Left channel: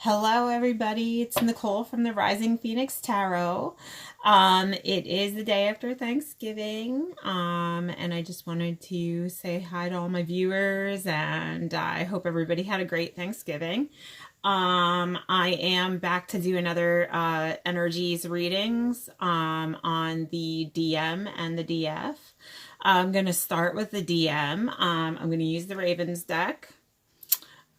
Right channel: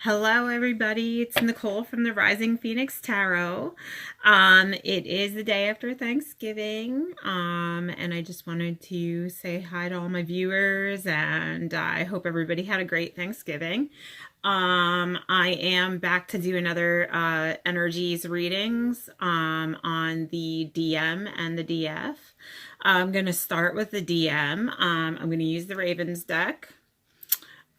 Hello, everybody. It's Nicole from the Rising Phoenix Tarot. It is the day after Thanksgiving, and I just wanted to say hi to all my viewers, and I hope everybody had a great Thanksgiving. I am back to do another energies readings on the DM and the DF. I'm going to start with the DM. I'm going to use the Ravens deck.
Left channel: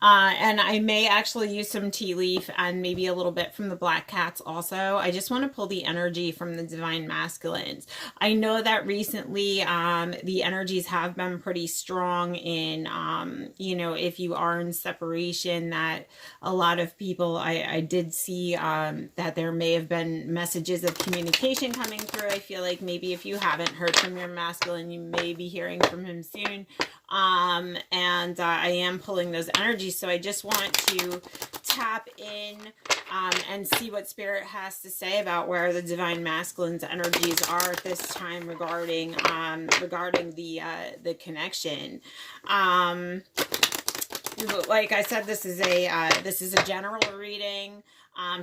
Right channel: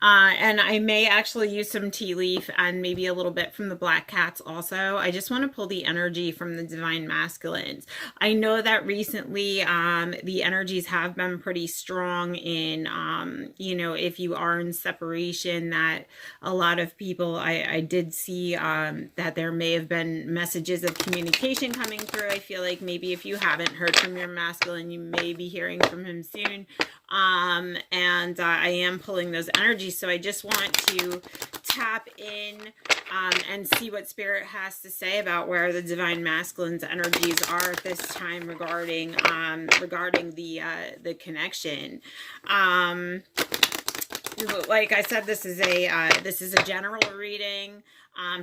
And I may actually use some tea leaf and maybe a little bit from the black cats also. I just want to pull the energy from the divine masculines. I know that recently the energies have been pretty strong in, if you are in separation, that a lot of people, I did see that there may have been messages of communication coming through. I feel like maybe if you haven't heard from your masculine, you may be hearing from him soon. I am pulling those energies, so I just want to tap in and see what Spirit has to say about where the divine masculine's energies are at this time regarding the connection. Like I said, this is a general reading.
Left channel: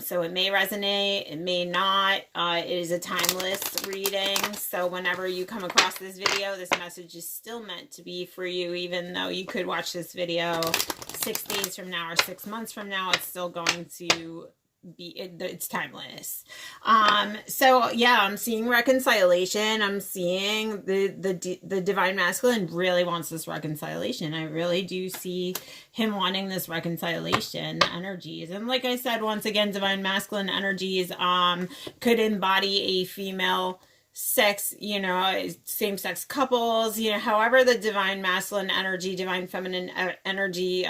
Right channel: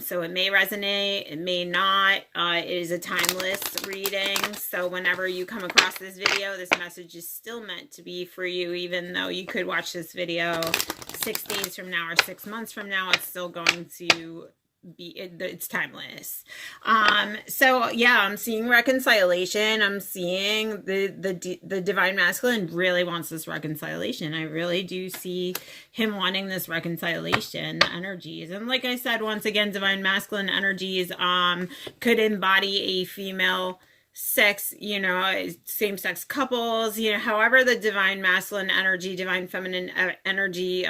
So it may resonate, it may not. It is a timeless reading. So whenever you come across this video, this message is still meant to be for you, even though you could watch this video 6 days from now or 6 months from now, it's still going to be, it's timeless. So yeah, I'm seeing reconciliation. I'm seeing the divine masculine really wants this reconciliation. I really do see him wanting this reconciliation energies. And like I said, once again, divine masculine energies could embody a female sex, same-sex couples, however the divine masculine energy, divine feminine energy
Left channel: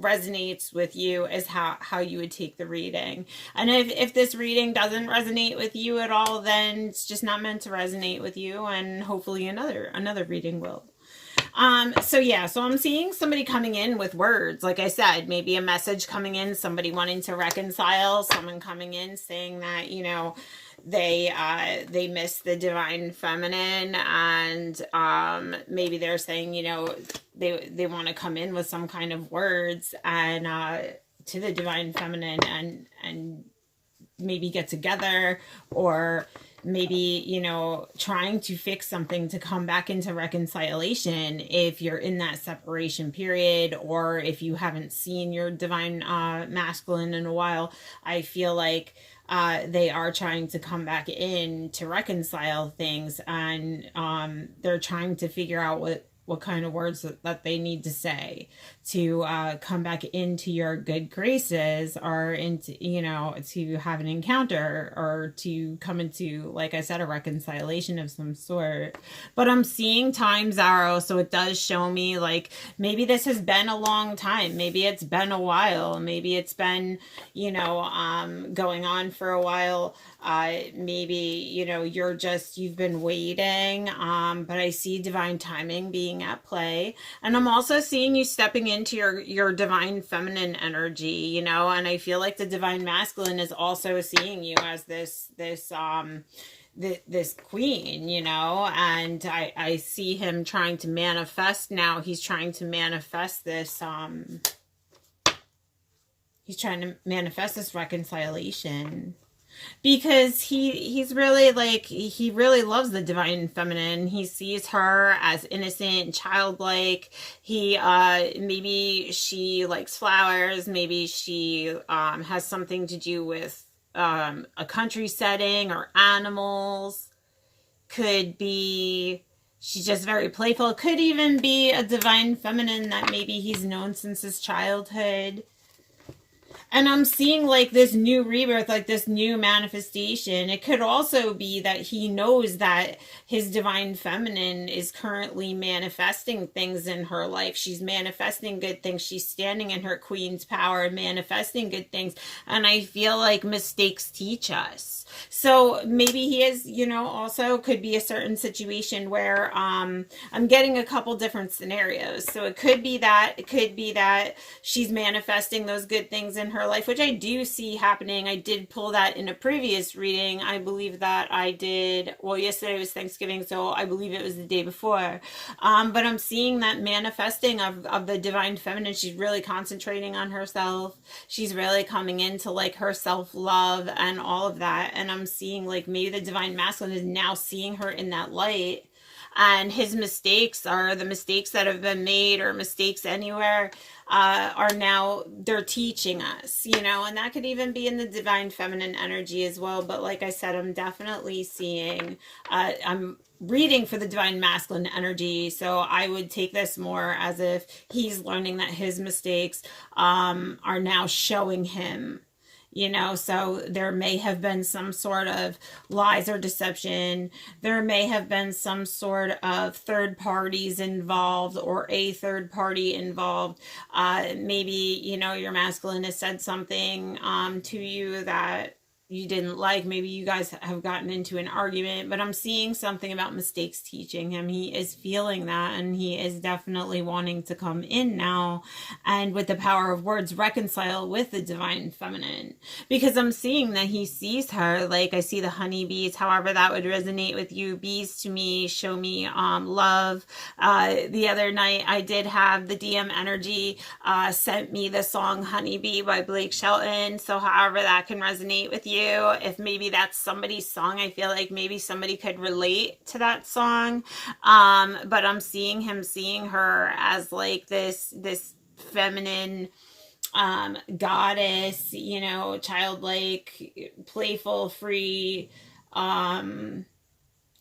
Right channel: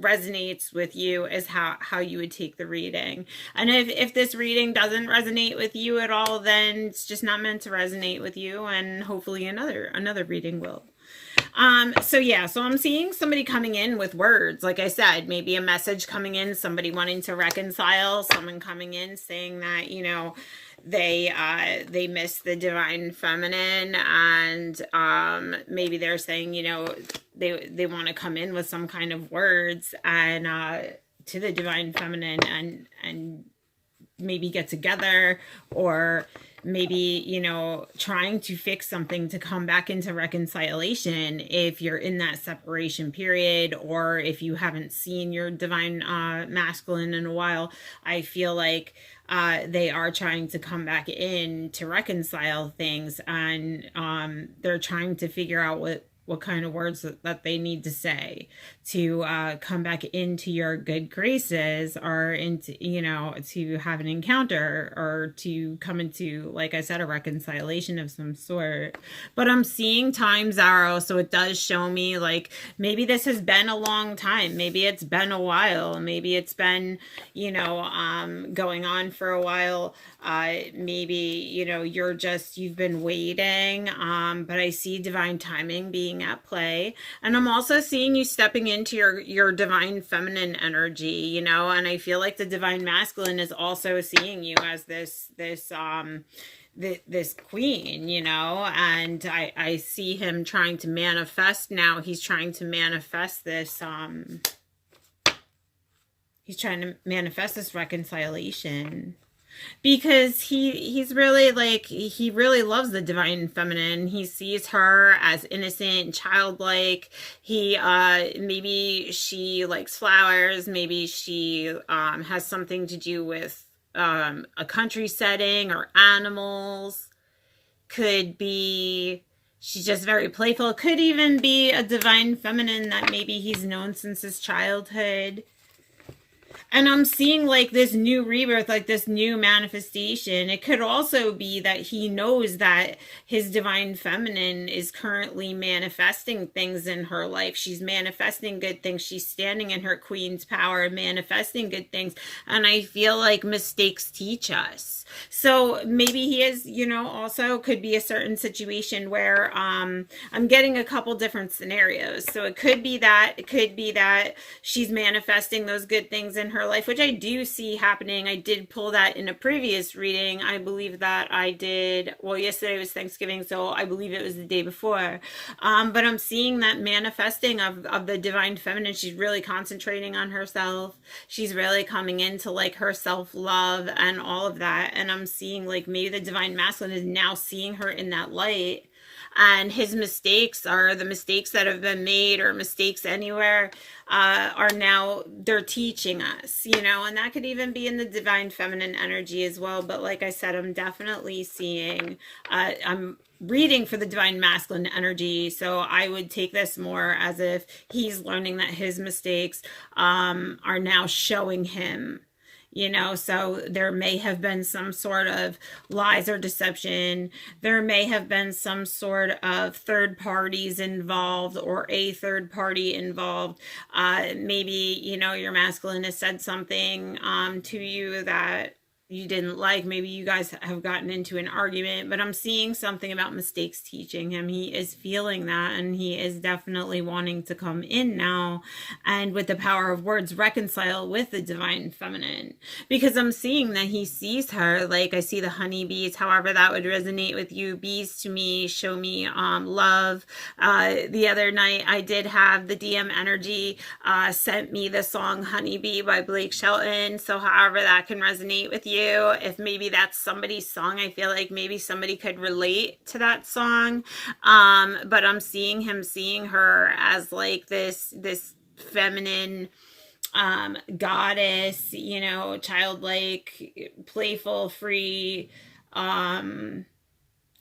resonates with you is how you would take the reading. And if this reading doesn't resonate with you at all, then it's just not meant to resonate with you, and hopefully another reading will. So I'm seeing somebody coming in with words. Like I said, maybe a message coming in, somebody wanting to reconcile, someone coming in saying that, they miss the divine feminine, and maybe they're saying, they want to come in with some kind of words and to the divine feminine and maybe get together, or maybe, trying to fix something to come back into reconciliation if you're in that separation period, or if you haven't seen your divine masculine in a while. I feel like they are trying to come back in to reconcile things, and they're trying to figure out what kind of words that they need to say to come back into your good graces, or into, to have an encounter, or to come into, like I said, a reconciliation of some sort. But I'm seeing time's arrow, so it does show me like maybe this has been a long time. Maybe it's been a while. Maybe it's been, going on for a while. Maybe, you've been waiting, but I see divine timing being at play. And I'm also seeing you stepping into your divine feminine energy, and I feel like the divine masculine is also seeing you as this queen, and I see him trying to manifest now. He's trying to manifest this, he's trying to manifest this reconciliation, because he's really he really loves the divine feminine. He sees her as innocent and childlike. Maybe she likes flowers, maybe she has something to do with a country setting or animals. Could be she's just very playful. Could even be a divine feminine that maybe he's known since his childhood. And I'm seeing like this new rebirth, like this new manifestation. It could also be that he knows that his divine feminine is currently manifesting things in her life. She's manifesting good things. She's standing in her queen's power and manifesting good things. And I feel like mistakes teach us. So maybe he is, also could be a certain situation where I'm getting a couple different scenarios. So it could be that she's manifesting those good things in her her life, which I do see happening. I did pull that in a previous reading. I believe that I did, well, yesterday was Thanksgiving, so I believe it was the day before. But I'm seeing that manifesting of the divine feminine. She's really concentrating on herself. She's really coming into like her self-love and all of that. And I'm seeing like maybe the divine masculine is now seeing her in that light. And his mistakes are the mistakes that have been made, or mistakes anywhere, are now, they're teaching us, you know, and that could even be in the divine feminine energy as well. But like I said, I'm definitely seeing, I'm reading for the divine masculine energy. So I would take this more as if he's learning that his mistakes are now showing him. You know, so there may have been some sort of lies or deception. There may have been some sort of third parties involved, or a third party involved. Maybe, you know, your masculine has said something to you that you didn't like. Maybe you guys have gotten into an argument, but I'm seeing something about mistakes teaching him. He is feeling that, and he is definitely wanting to come in now, and with the power of words, reconcile with the divine feminine, because I'm seeing that he sees her. Like, I see the honeybees, however that would resonate with you. Bees to me show me love. The other night I did have the DM energy sent me the song Honeybee by Blake Shelton, so however that can resonate with you, if maybe that's somebody's song, I feel like maybe somebody could relate to that song. But I'm seeing him seeing her as like this feminine goddess, you know, childlike, playful, free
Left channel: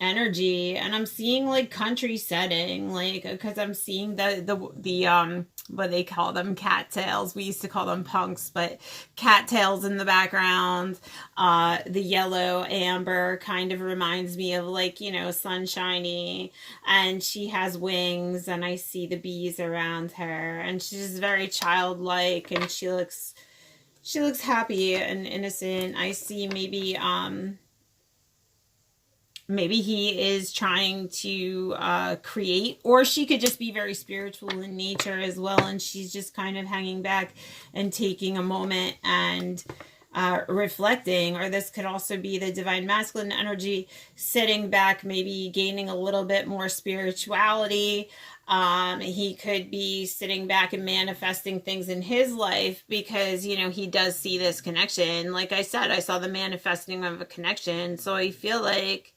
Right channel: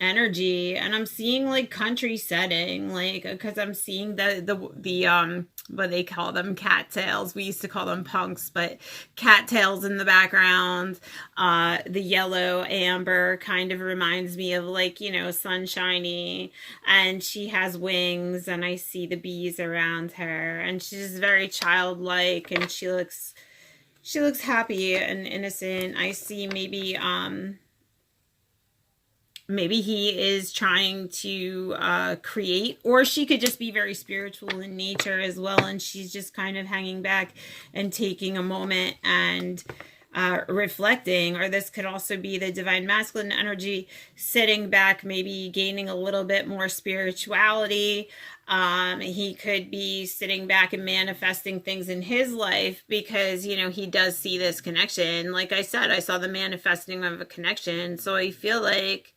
energy. And I'm seeing like country setting, like, because I'm seeing the what they call them, cattails. We used to call them punks, but cattails in the background. The yellow amber kind of reminds me of, like, you know, sunshiny, and she has wings, and I see the bees around her, and she's very childlike, and she looks happy and innocent. I see maybe he is trying to create, or she could just be very spiritual in nature as well, and she's just kind of hanging back and taking a moment and reflecting. Or this could also be the divine masculine energy sitting back, maybe gaining a little bit more spirituality. He could be sitting back and manifesting things in his life, because, you know, he does see this connection. Like I said, I saw the manifesting of a connection, so I feel like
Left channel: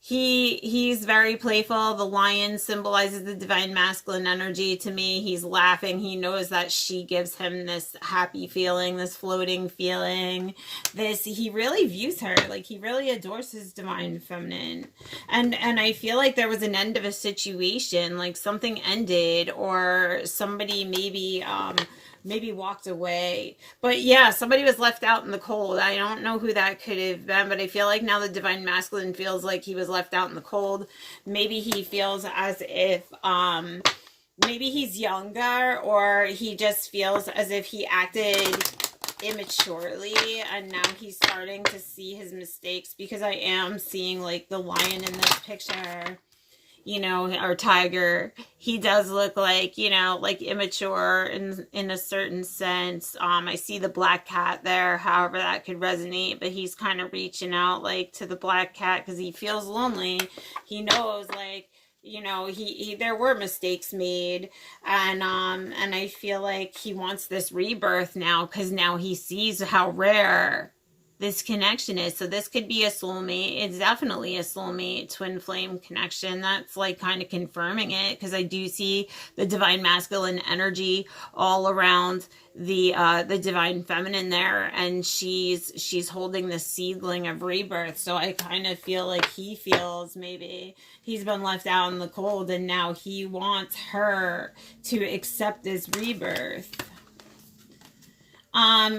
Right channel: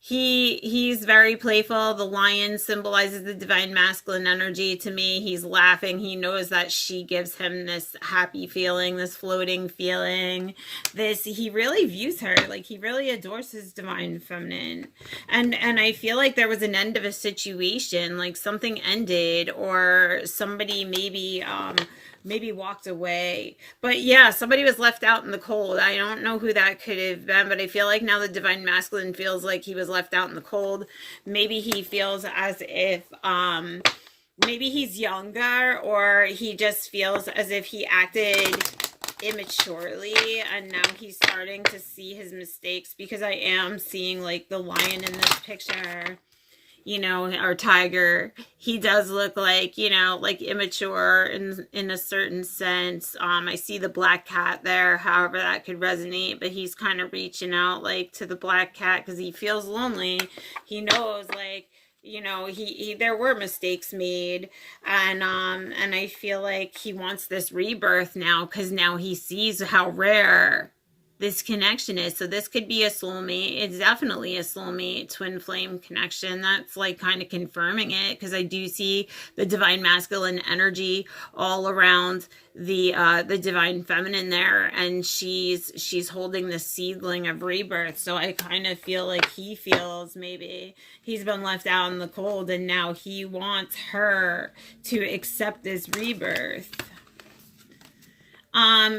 he's very playful. The lion symbolizes the divine masculine energy to me. He's laughing. He knows that she gives him this happy feeling, this floating feeling. He really views her like he really adores his divine feminine. And I feel like there was an end of a situation, like something ended, or somebody maybe walked away. But yeah, somebody was left out in the cold. I don't know who that could have been, but I feel like now the divine masculine feels like he was left out in the cold. Maybe he feels as if maybe he's younger, or he just feels as if he acted immaturely, and now he's starting to see his mistakes, because I am seeing like the lion in this picture, you know, or tiger. He does look like, you know, like immature in a certain sense. I see the black cat there, however that could resonate, but he's kind of reaching out like to the black cat because he feels lonely. He knows, like, you know, he there were mistakes made, and I feel like he wants this rebirth now, because now he sees how rare this connection is. So this could be a soulmate. It's definitely a soulmate twin flame connection. That's like kind of confirming it, because I do see the divine masculine energy all around the divine feminine there, and she's holding the seedling of rebirth. So I kind of feel like he feels maybe he's been left out in the cold, and now he wants her to accept this rebirth.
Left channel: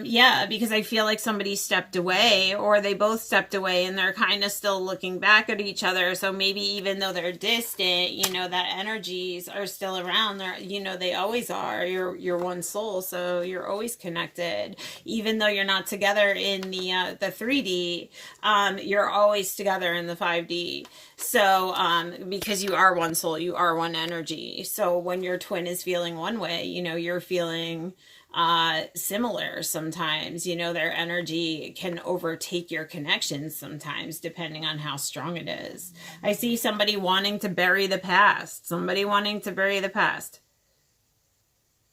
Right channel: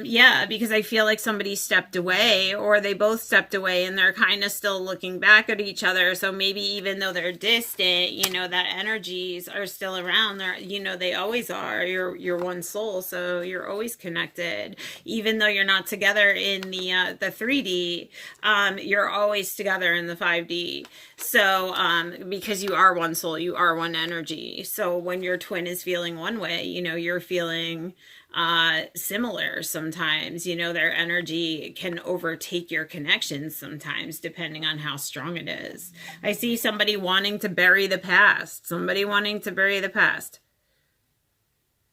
Yeah, because I feel like somebody stepped away, or they both stepped away, and they're kind of still looking back at each other. So maybe even though they're distant, you know, that energies are still around. They're, you know, they always are. You're one soul, so you're always connected. Even though you're not together in the 3D, you're always together in the 5D. So, because you are one soul, you are one energy. So when your twin is feeling one way, you know, you're feeling similar sometimes. You know, their energy can overtake your connections sometimes, depending on how strong it is. I see somebody wanting to bury the past. Somebody wanting to bury the past.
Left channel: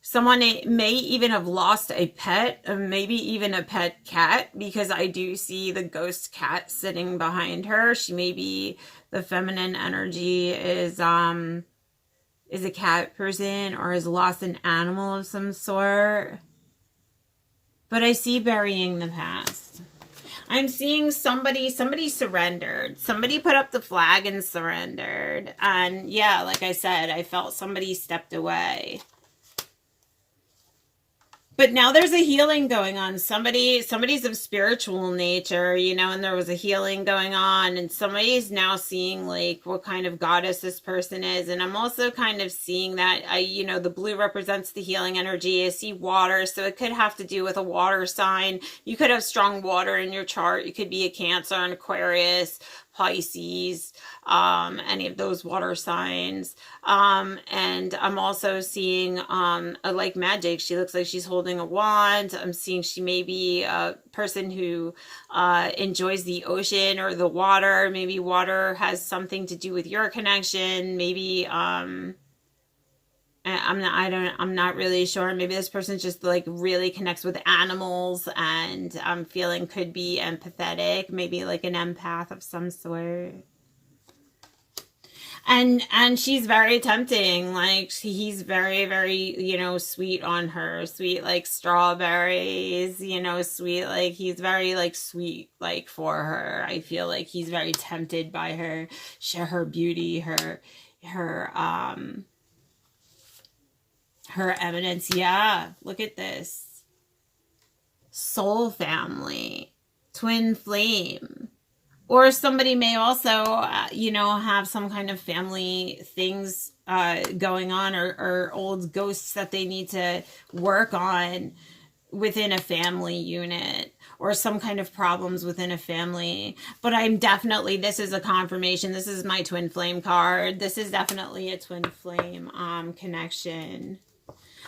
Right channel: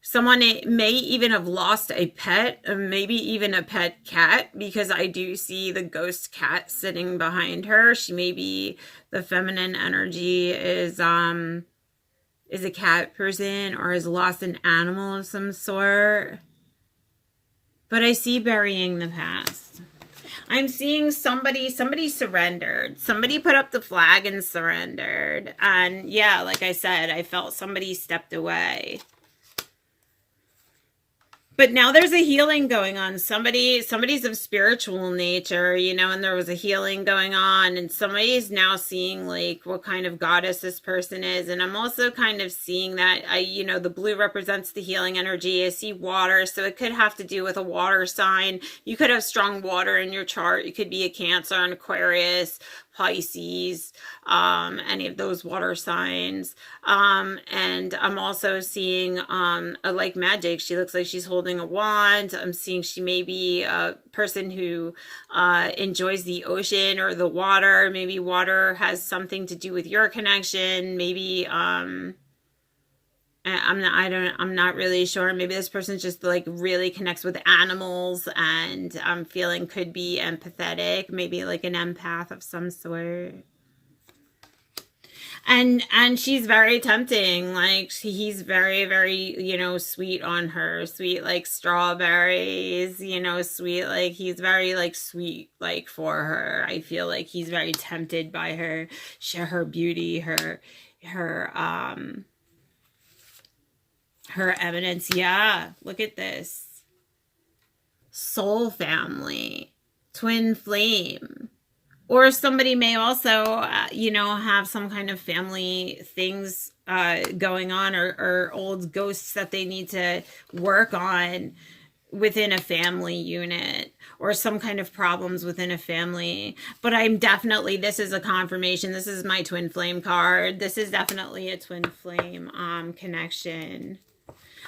Someone may even have lost a pet, maybe even a pet cat, because I do see the ghost cat sitting behind her. She may be, the feminine energy is a cat person or has lost an animal of some sort. But I see burying the past. I'm seeing somebody surrendered. Somebody put up the flag and surrendered. And yeah, like I said, I felt somebody stepped away. But now there's a healing going on. Somebody's of spiritual nature, you know, and there was a healing going on, and somebody's now seeing like what kind of goddess this person is. And I'm also kind of seeing that, you know, the blue represents the healing energy. I see water, so it could have to do with a water sign. You could have strong water in your chart. You could be a Cancer, an Aquarius, Pisces, any of those water signs. And I'm also seeing like magic. She looks like she's holding a wand. I'm seeing she may be a person who enjoys the ocean or the water. Maybe water has something to do with your connection. Maybe I'm not really sure. Maybe this person just like really connects with animals, and I'm feeling could be empathetic, maybe like an empath of some sort. And she's very tempting. Like he's very, very, you know, sweet on her, sweet like strawberries, you know, sweet, like he's very like sweet, like for her. I feel like he's very tempted by her, her beauty, her evidence. Yeah, look at this. Soul family, twin flame. Or somebody may also, you know, have some kind of family things going on, or old ghosts that they need to work on within a family unit, or some kind of problems within a family. But I'm definitely, this is a confirmation. This is my twin flame card. This is definitely a twin flame connection.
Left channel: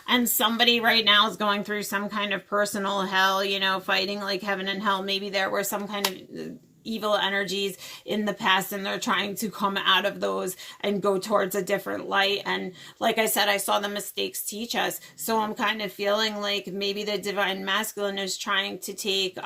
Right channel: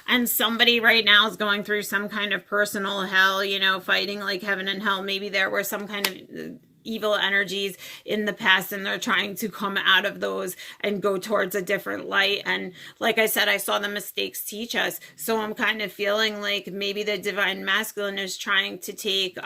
And somebody right now is going through some kind of personal hell, you know, fighting like heaven and hell. Maybe there were some kind of evil energies in the past, and they're trying to come out of those and go towards a different light. And like I said, I saw the mistakes teach us. So I'm kind of feeling like maybe the divine masculine is trying to take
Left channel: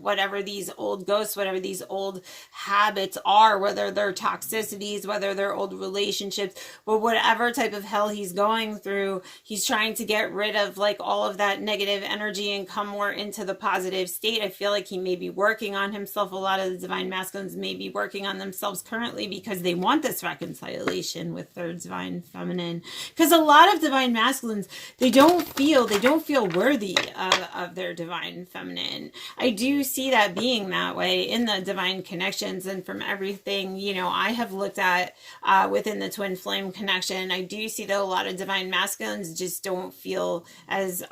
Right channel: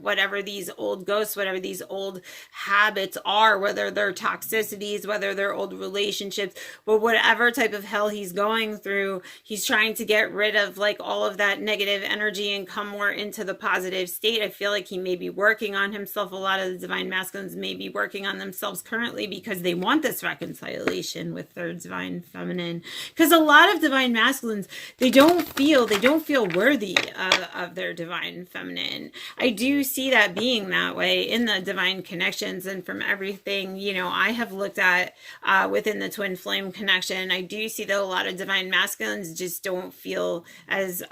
whatever these old ghosts, whatever these old habits are, whether they're toxicities, whether they're old relationships, but whatever type of hell he's going through, he's trying to get rid of like all of that negative energy and come more into the positive state. I feel like he may be working on himself. A lot of the divine masculines may be working on themselves currently because they want this reconciliation with their divine feminine. Because a lot of divine masculines, they don't feel worthy of their divine feminine. I do see that being that way in the divine connections, and from everything, you know, I have looked at within the twin flame connection, I do see that a lot of divine masculines just don't feel as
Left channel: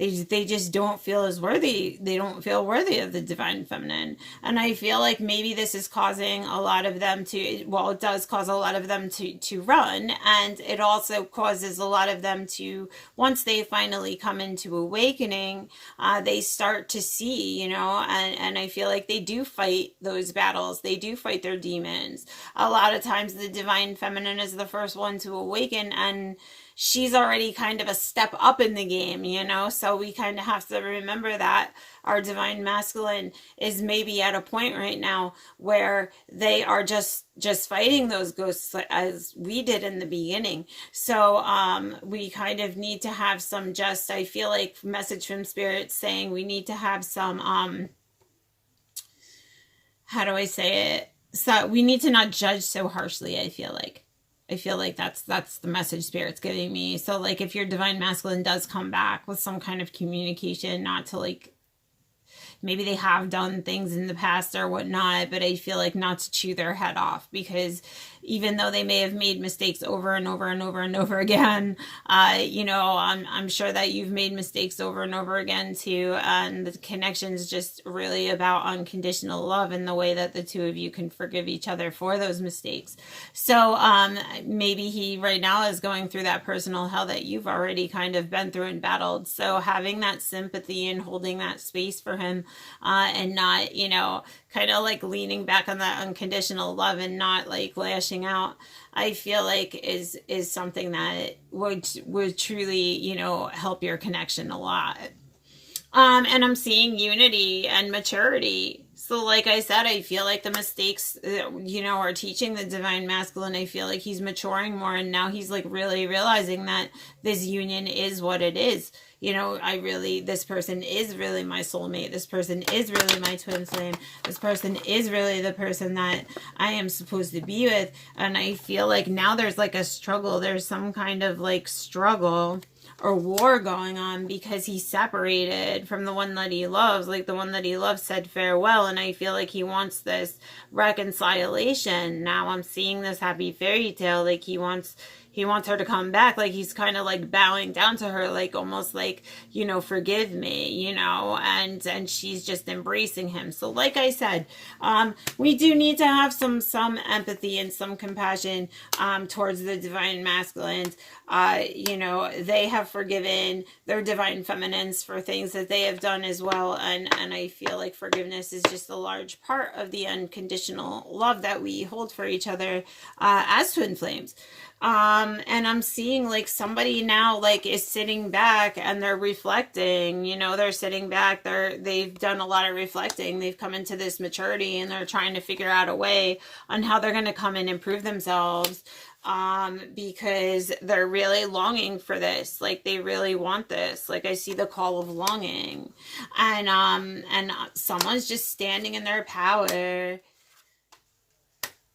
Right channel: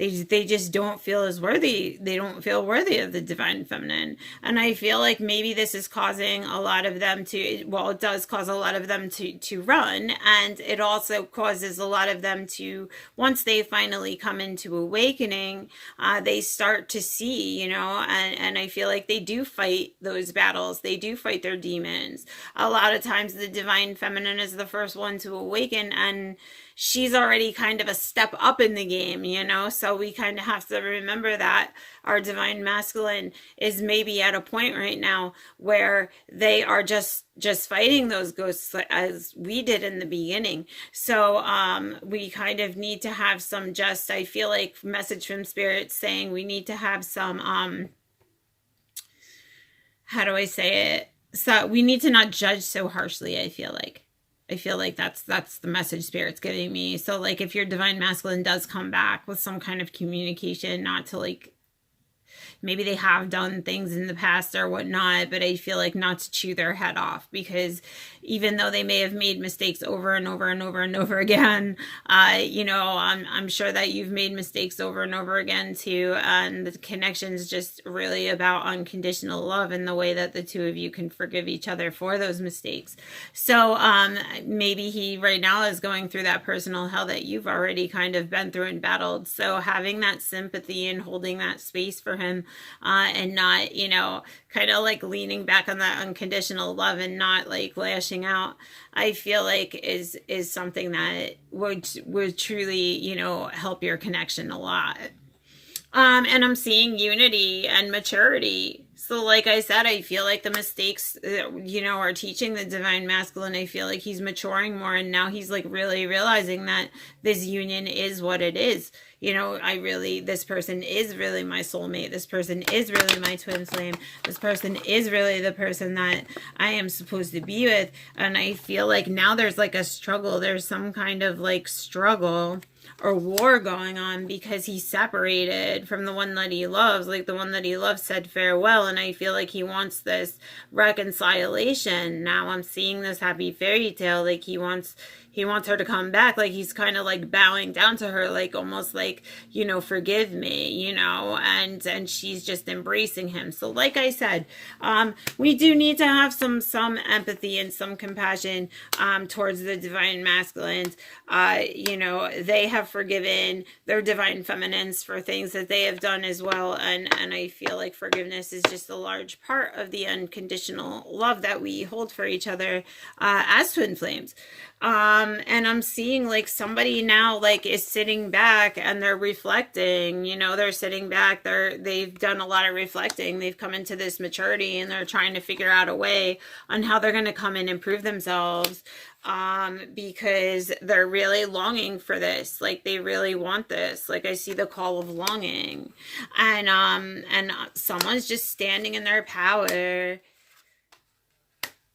they just don't feel as worthy. They don't feel worthy of the divine feminine. And I feel like maybe this is causing a lot of them to, well, it does cause a lot of them to run. And it also causes a lot of them to, once they finally come into awakening, they start to see, you know, and I feel like they do fight those battles. They do fight their demons. A lot of times the divine feminine is the first one to awaken, and she's already kind of a step up in the game, you know, so we kind of have to remember that our divine masculine is maybe at a point right now where they are just fighting those ghosts as we did in the beginning. So we kind of need to have some I feel like message from spirit saying we need to have some, how do I say it? So we need to not judge so harshly, I feel like. That's the message spirit's giving me. So like if your divine masculine does come back with some kind of communication, not to like, maybe they have done things in the past or whatnot, but I feel like not to chew their head off, because even though they may have made mistakes over and over and over and over again. You know, I'm sure that you've made mistakes over and over again too, and the connection is just really about unconditional love and the way that the two of you can forgive each other for those mistakes. So maybe he right now is going through that personal hell that you've already kind of been through and battled. So having that sympathy and holding that space for him, and not, you know, kind of like leaning back on that unconditional love and not like lashing out, I feel like is something that would truly, you know, help your connection a lot. And I'm seeing unity and maturity. So like I said, I feel like the mistakes, you know, are teaching the divine masculine. I feel like he's maturing more, and now he's like really realizing that this union is what it is. You know, this person is really my soulmate. This person is really my twin flame. This person is really the person that I am supposed to be with. And I feel like now there's like a struggle. There's some kind of like struggle or war going on because he's separated from the one that he loves. Like the one that he loves said farewell, and I feel like he wants this reconciliation. Now I'm seeing this happy fairy tale, like he wants her to come back. Like he's kind of like bowing down to her, like almost like, you know, forgive me, you know, and she's just embracing him. So like I said, we do need to have some empathy and some compassion towards the divine masculines. You know, they have forgiven their divine feminines for things that they have done as well, and I feel like forgiveness is just a large part of the unconditional love that we hold for each other as twin flames. And I'm seeing like somebody now like is sitting back and they're reflecting, you know, they're sitting back, they've done a lot of reflecting, they've come into this maturity, and they're trying to figure out a way on how they're going to come and improve themselves, because they're really longing for this. Like they really want this. Like I see the call of longing, and someone's just standing in their power.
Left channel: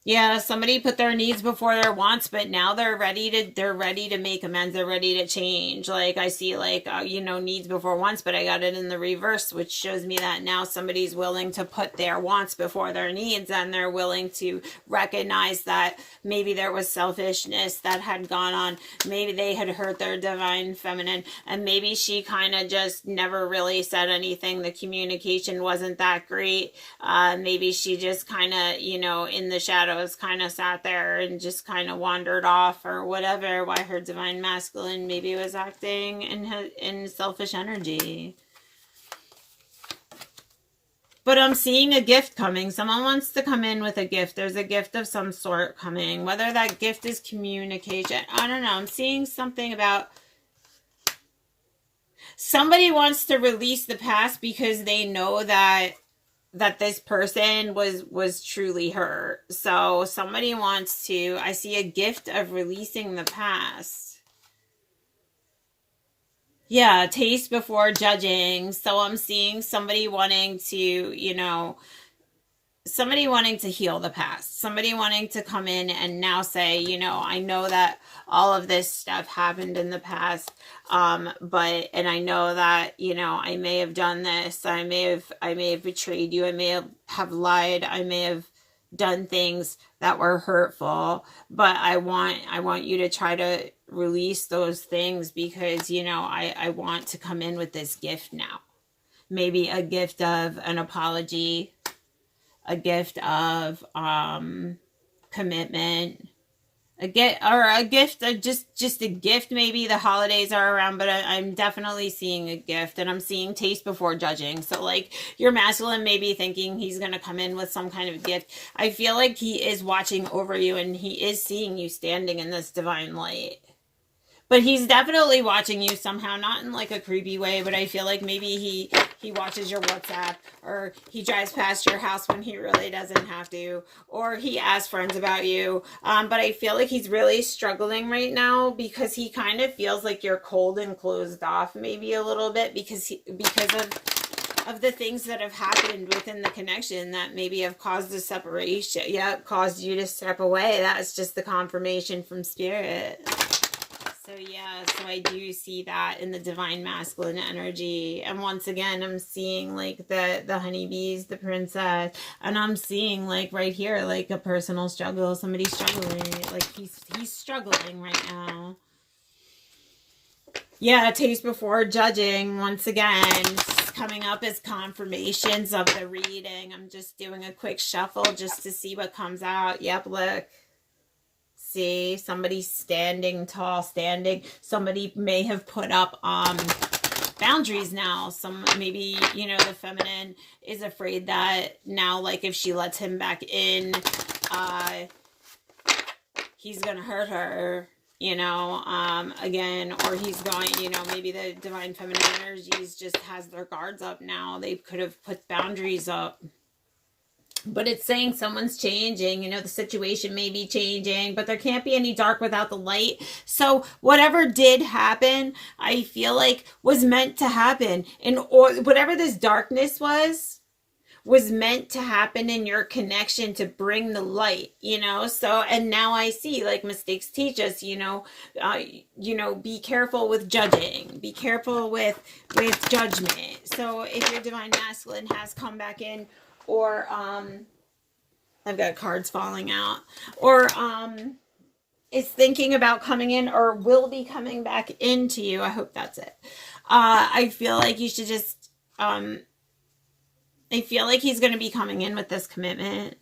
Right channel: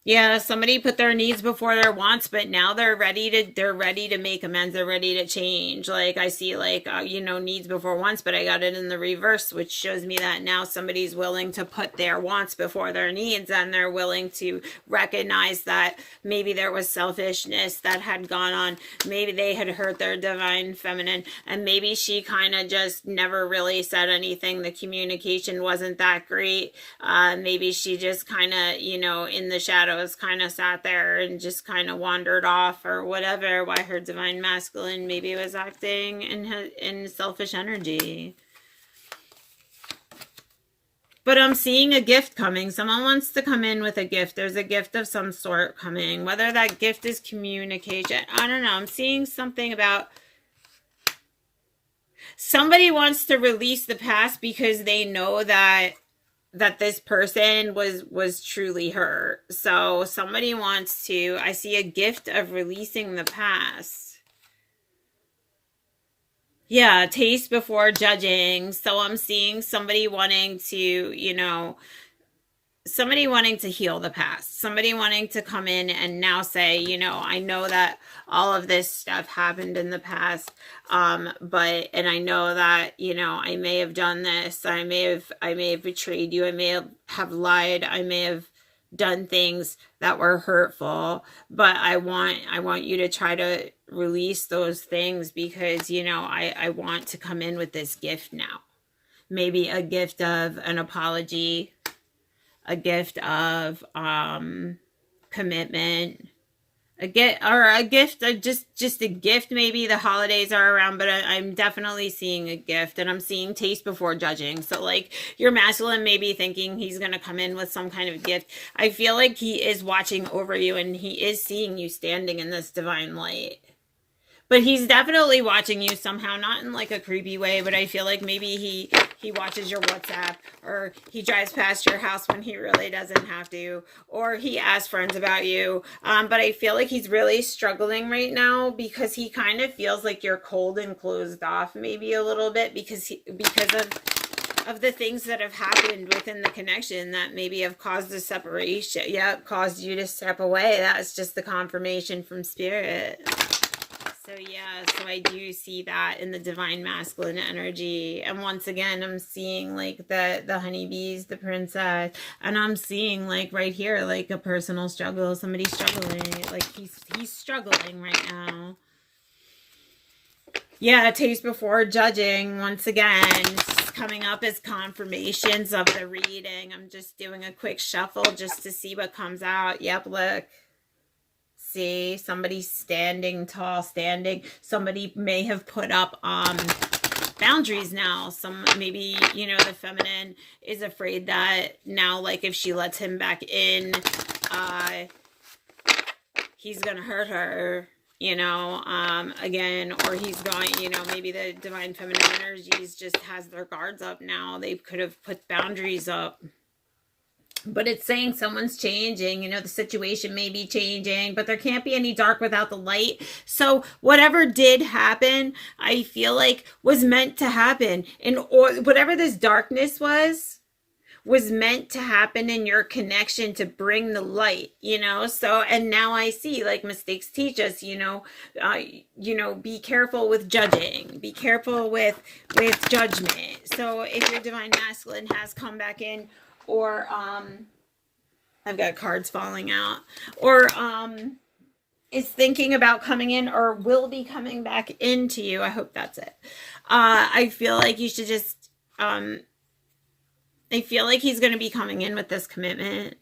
Yeah, somebody put their needs before their wants, but now they're ready to make amends. They're ready to change. Like I see like, you know, needs before wants, but I got it in the reverse, which shows me that now somebody's willing to put their wants before their needs, and they're willing to recognize that maybe there was selfishness that had gone on. Maybe they had hurt their divine feminine, and maybe she kind of just never really said anything. The communication wasn't that great. Maybe she just kind of, you know, in the shadows kind of sat there and just kind of wandered off or whatever, why her divine masculine maybe was acting in selfish energy. But I'm seeing a gift coming. Someone wants to come in with a gift. There's a gift of some sort coming. Whether that gift is communication, I don't know. I'm seeing something about somebody wants to release the past because they know that this person was truly hurt. So somebody wants to, I see a gift of releasing the past. Yeah, taste before judging. So I'm seeing somebody wanting to, you know, somebody wanting to heal the past. Somebody wanting to come in and now say, you know, I know that all of this stuff happened in the past, but I know that, you know, I may have done this, I may have betrayed you, I may have lied, I may have done things that were hurtful, but I want you to try to release those things because, you know, I want to come in with this gift now. Maybe a gift of an apology, a gift of commitment, a gift of just a gift. Maybe the holidays are around, but I'm definitely seeing a gift, and I'm seeing taste before judging. So like your masculine may be thinking he's going to come in with some kind of gift. I feel like he is watching over you, and he is seeing you standing in this divine light. But he's definitely watching you somehow, not in like a creepy way, but I feel like maybe he watches your WhatsApp, or he drives past your house when he really doesn't have to, or he asks friends about you. But I feel like he's really struggling right now because he kind of feels like you're cold and closed off maybe a little bit because of the things that have happened within the connection that maybe have caused a separation. Yeah, caused you to step away. That's just the confirmation from spirit. So yeah, so I do see that in the divine masculine energy. And once again, I'm seeing like the honeybees, the princess, and I'm seeing like right here, like a personal struggle, somebody struggling, like he's struggling right now. Yeah, taste before judging. Once again, coming up as confirmations of the reading. I'm just doing a quick shuffle just to see what comes out. Yep, look. See, somebody standing tall, somebody may have put up boundaries now. Maybe, you know, the feminine is afraid that now, like, if she lets him back in, he's gonna hurt her, you know, again, or he's going, you know, maybe the divine feminine energies just has their guards up now. They could have put boundaries up. But it's saying someone's changing, you know, the situation may be changing, but there can't be any dark without the light. So whatever did happen, I feel like was meant to happen. Or whatever this darkness was meant to happen in your connection to bring the light, you know. So, and now I see, like, mistakes teach us, you know, be careful with judging, be careful with judgment. So if your divine masculine has come back in, or I've got cards falling out, or is thinking about coming in or will be coming back into you, I hope that's it. I feel like you should just I feel like he's going to be coming in with this commitment.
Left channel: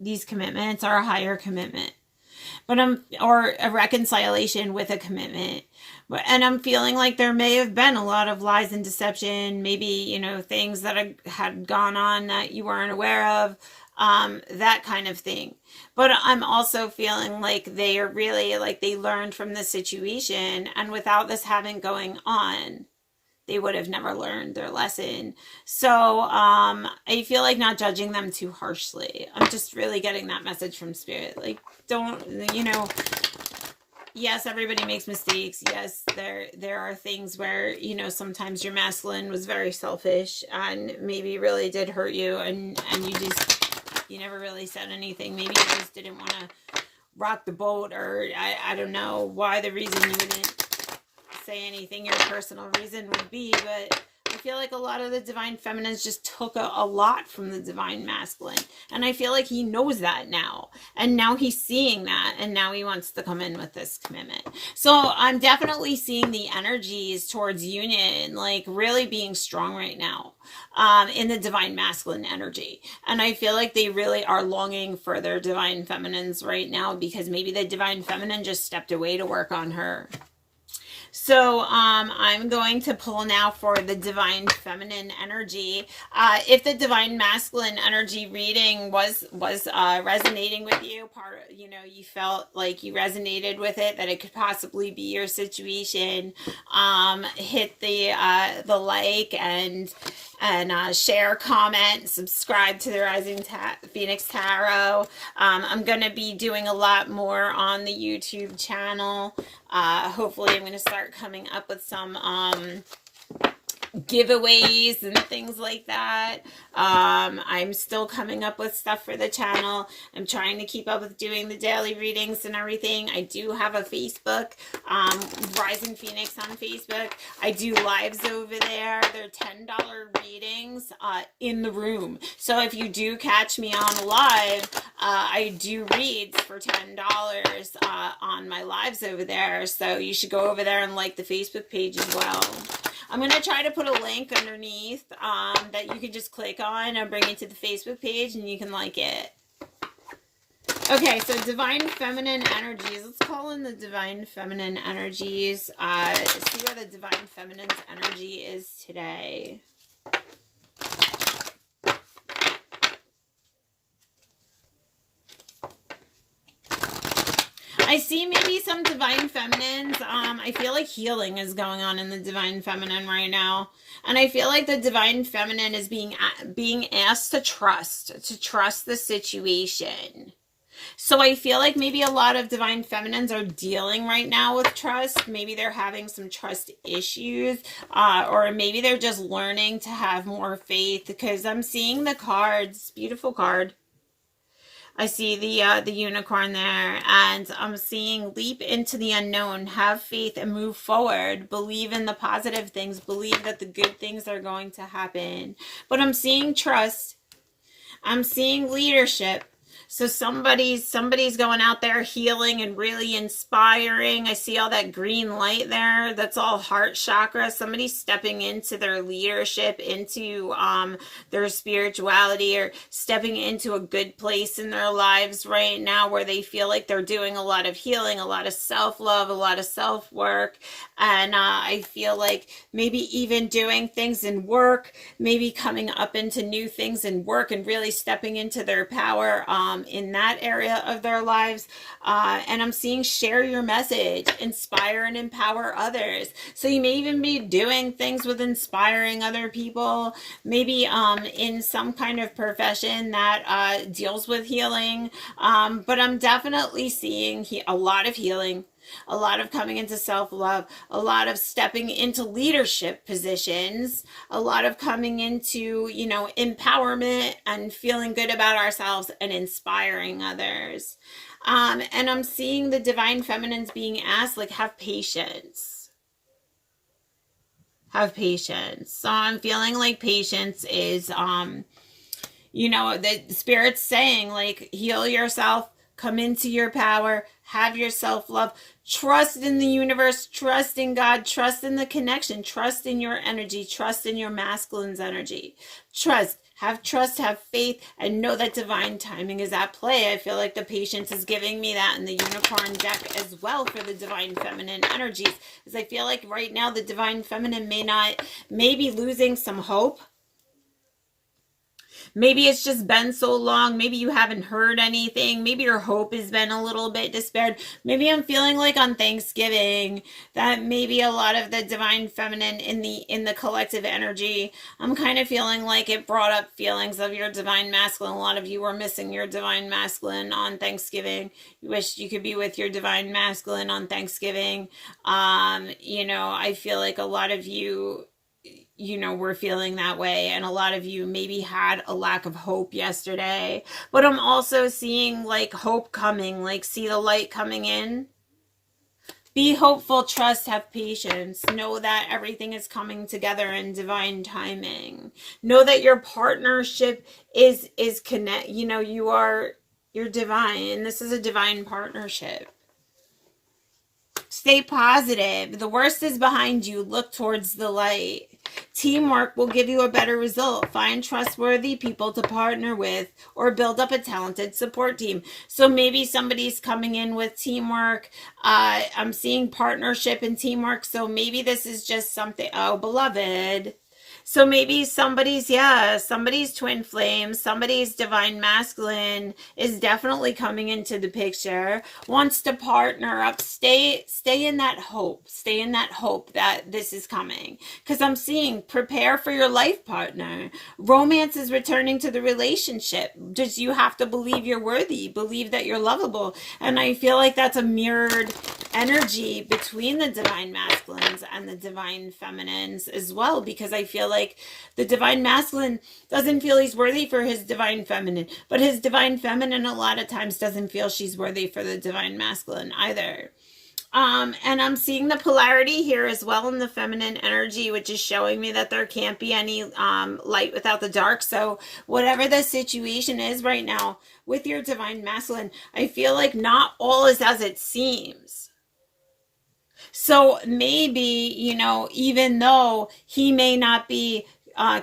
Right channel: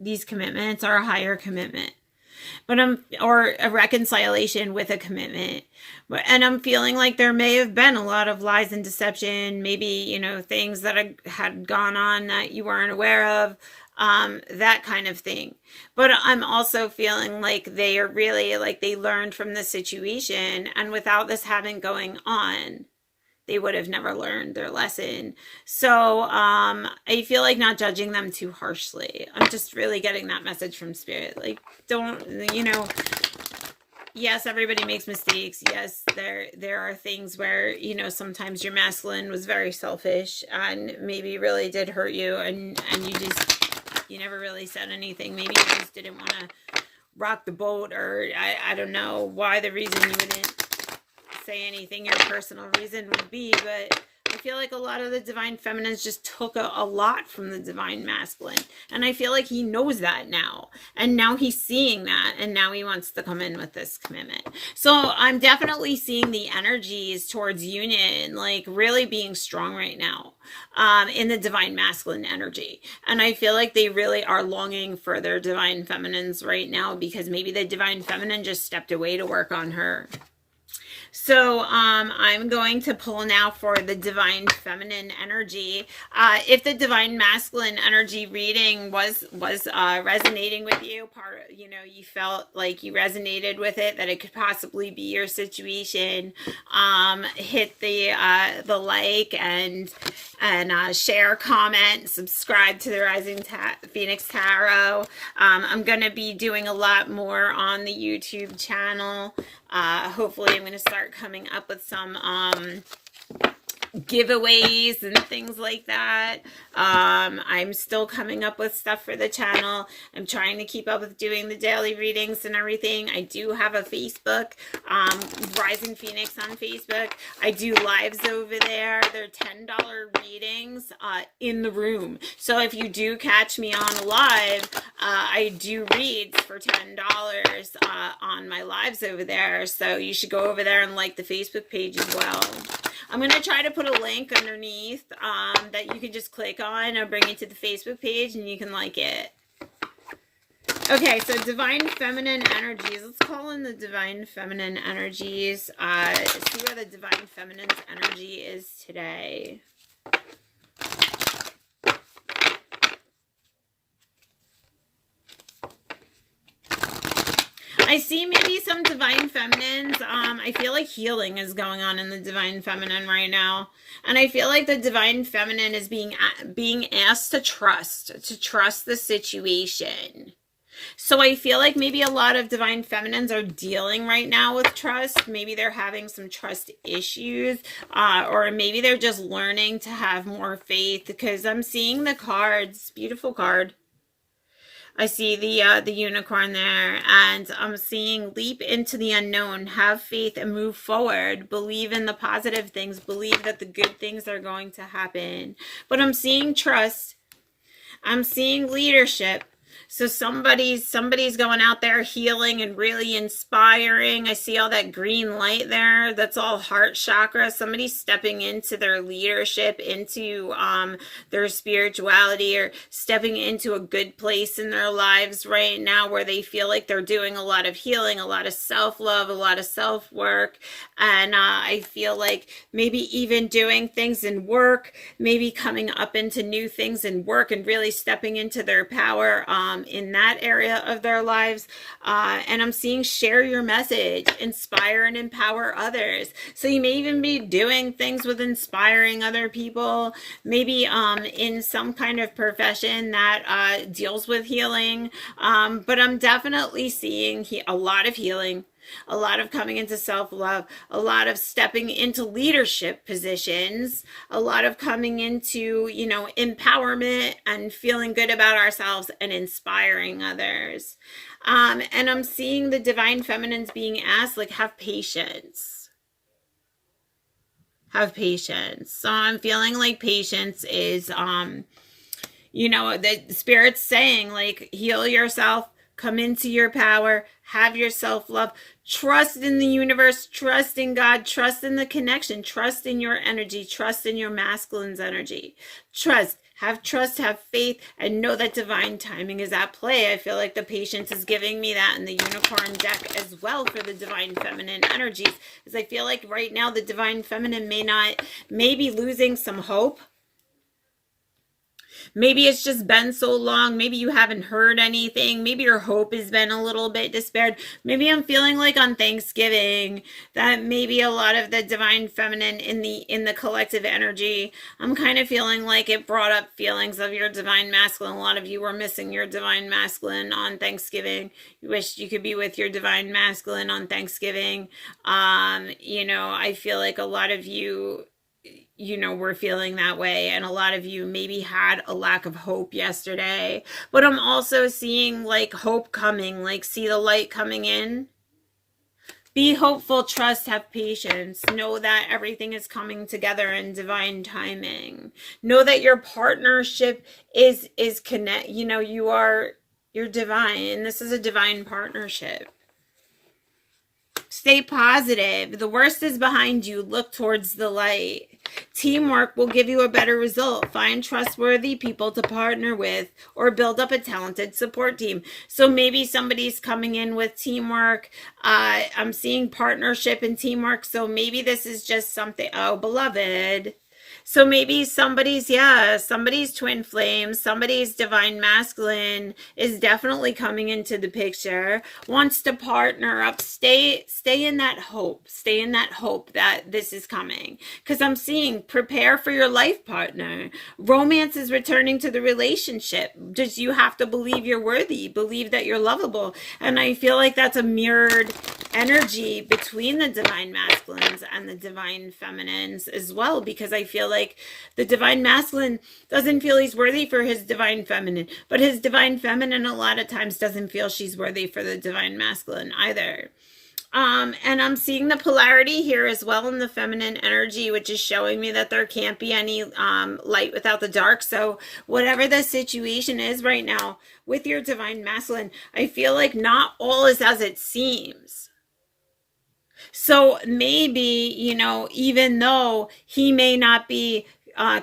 These commitments are a higher commitment, but or a reconciliation with a commitment. And I'm feeling like there may have been a lot of lies and deception, maybe, you know, things that had gone on that you weren't aware of, that kind of thing. But I'm also feeling like they are really, like, they learned from the situation, and without this having going on, they would have never learned their lesson. So I feel like not judging them too harshly. I'm just really getting that message from Spirit. Like, don't, you know, yes, everybody makes mistakes. Yes, there are things where, you know, sometimes your masculine was very selfish and maybe really did hurt you, and you never really said anything. Maybe you just didn't want to rock the boat, or I don't know why the reason you wouldn't say anything your personal reason would be, but I feel like a lot of the divine feminines just took a lot from the divine masculine, and I feel like he knows that now, and now he's seeing that, and now he wants to come in with this commitment. So I'm definitely seeing the energies towards union, like, really being strong right now, in the divine masculine energy, and I feel like they really are longing for their divine feminines right now, because maybe the divine feminine just stepped away to work on her. So I'm going to pull now for the divine feminine energy. If the divine masculine energy reading was resonating with you, you know, you felt like you resonated with it, that it could possibly be your situation, hit the like and share, comment, subscribe to the Rising Phoenix Tarot. I'm going to be doing a lot more on the YouTube channel. Hopefully I'm going to start coming up with some giveaways and things like that. I'm still coming up with stuff for the channel. I'm trying to keep up with doing the daily readings and everything. I do have a Facebook, Rising Phoenix on Facebook. I do lives over there. They're $10 readings in the room. So if you do catch me on a live, I do reads for $10 on my lives over there. So you should go over there and like the Facebook page as well. I'm going to try to put a link underneath that you can just click on and bring you to the Facebook page, and you can like it. Okay, so divine feminine energies. Let's call in the divine feminine energies. See where the divine feminine's energy is today. I see maybe some divine feminines. I feel like healing is going on in the divine feminine right now. And I feel like the divine feminine is being asked to trust the situation. So I feel like maybe a lot of divine feminines are dealing right now with trust. Maybe they're having some trust issues, or maybe they're just learning to have more faith, because I'm seeing the cards, beautiful card. I see the unicorn there, and I'm seeing leap into the unknown, have faith and move forward, believe in the positive things, believe that the good things are going to happen. But I'm seeing trust. I'm seeing leadership. So somebody's going out there healing and really inspiring. I see all that green light there. That's all heart chakra. Somebody's stepping into their leadership, into their spirituality, or stepping into a good place in their lives right now where they feel like they're doing a lot of healing, a lot of self-love, a lot of self-work. And I feel like maybe even doing things in work, maybe coming up into new things in work and really stepping into their power in that area of their lives. And I'm seeing share your message, inspire and empower others. So you may even be doing things with inspiring other people, maybe in some kind of profession that deals with healing. But I'm definitely seeing a lot of healing, a lot of coming into self-love, a lot of stepping into leadership positions, a lot of coming into, empowerment and feeling good about ourselves and inspiring others. And I'm seeing the divine feminines being asked, like, have patience. Have patience. So I'm feeling like patience is, the Spirit's saying, like, heal yourself, come into your power, have your self-love, trust in the universe, trust in God, trust in the connection, trust in your energy, trust in your masculine's energy. Trust, have faith, and know that divine timing is at play. I feel like the patience is giving me that in the unicorn deck as well for the divine feminine energies, because I feel like right now the divine feminine may be losing some hope. Maybe it's just been so long. Maybe you haven't heard anything. Maybe your hope has been a little bit despaired. Maybe I'm feeling like on Thanksgiving that maybe a lot of the divine feminine in the collective energy, I'm kind of feeling like it brought up feelings of your divine masculine. A lot of you were missing your divine masculine on Thanksgiving. You wish you could be with your divine masculine on Thanksgiving. I feel like a lot of you, we're feeling that way, and a lot of you maybe had a lack of hope yesterday. But I'm also seeing like hope coming, like see the light coming in. Be hopeful, trust, have patience. Know that everything is coming together in divine timing. Know that your partnership is connect. You're divine. This is a divine partnership. Stay positive. The worst is behind you. Look towards the light. Teamwork will give you a better result. Find trustworthy people to partner with or build up a talented support team. So maybe somebody's coming in with teamwork. I'm seeing partnership and teamwork. So maybe this is just something. Oh, beloved. So maybe somebody's twin flame, somebody's divine masculine is definitely coming into the picture, wants to partner up. Stay in that hope. Stay in that hope that this is coming. Because I'm seeing prepare for your life partner. Romance is returning to the relationship. Just you have to believe you're worthy, believe that you're lovable. And I feel like that's a mirrored energy between the divine masculines and the divine feminines as well, because I feel like the divine masculine doesn't feel he's worthy for his divine feminine, but his divine feminine a lot of times doesn't feel she's worthy for the divine masculine either. And I'm seeing the polarity here as well in the feminine energy, which is showing me that there can't be any light without the dark. So whatever the situation is right now with your divine masculine, I feel like not all is as it seems. So maybe, even though he may not be